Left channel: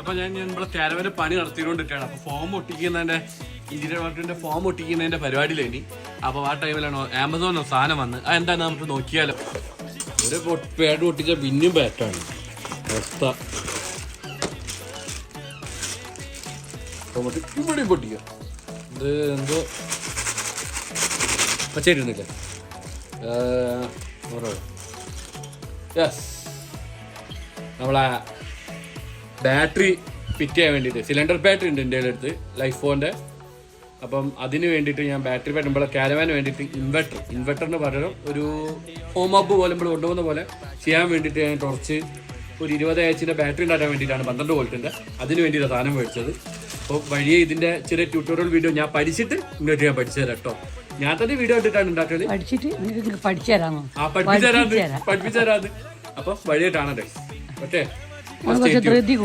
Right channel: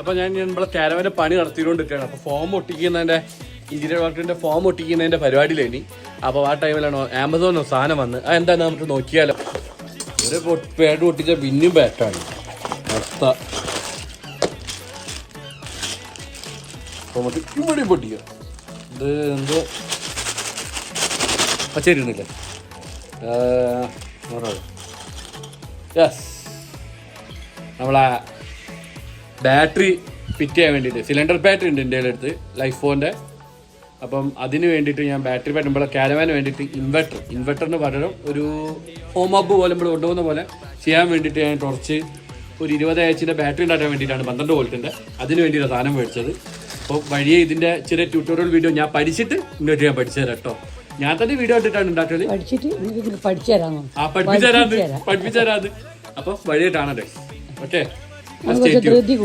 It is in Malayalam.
അപ്പൊ ഞാൻ നമ്മളെ കാരവന്റെ പണി നടത്തിക്കൊണ്ടിരിക്കുകയാണ്. അപ്പൊ ഫോം ഒട്ടിക്കുന്നതിന്റെ ഇന്റീരിയർ വർക്കിന്റെ ഫോം ഒട്ടിക്കുന്നതിന്റെ പരിപാടിയിലേനി. അപ്പൊ ആ ടൈമിലാണ് ആമസോണിൽ സാധനം വന്ന് എന്താ നമുക്ക് നോക്കിയാലോ. ഒരു പേട് പൊട്ടിച്ച പിന്നെയും ബാറ്റാണ് അവസ്ഥ. നമുക്ക് ഇവിടെയും പൊട്ടിക്കുക. ഇത് എന്തോ പച്ചരിന്നില്ലേ. നമ്മളെ ബാറ്ററി ഫിറ്റ് ചെയ്യാൻ വേണ്ടിയിട്ട് സിലിണ്ടർ ബാറ്ററി ഉണ്ട് എൻ്റെ അടുത്ത് ലൈഫ് ഫോണിൻ്റെ. അപ്പം അതിന് വേണ്ടിയിട്ട് ഞാൻ ബാറ്ററി ബാറ്ററി നമ്മളെ കാരവാന് വേണ്ടിയിട്ട് ഇൻവെർട്ടറിന് പകരം ഒരു ഹോം ഹബ് പോലെ നമ്മൾ കൊണ്ടുപോകുന്ന പോലെ ചെയ്യാൻ വേണ്ടിയിട്ട് ഞാൻ കുറച്ച് ഒരു 20 ആഴ്ചയുടെ ബാറ്ററി ഉണ്ടാക്കാൻ വേണ്ടിയിട്ടാണ് 12 വോൾട്ടിൻ്റെ. അതിന് വേണ്ടിയിട്ടാണ് സാധനം മേടിച്ചത്. അപ്പോൾ വഴിയെ ഇതിൻ്റെ ചെറിയ ട്യൂട്ടോറിയൽ വീഡിയോ ഞാൻ പഠിച്ചിട്ട് ഇങ്ങോട്ട് ഞാൻ പഠിച്ചു തരാം കേട്ടോ. ഞാൻ തന്നെ വീഡിയോ ഇട്ടിട്ടാണ് ഉണ്ടാക്കിയത്. പഠിപ്പിച്ചു തരാത്. അപ്പോൾ വഴിയായിട്ടാണല്ലേ. ഓക്കെ.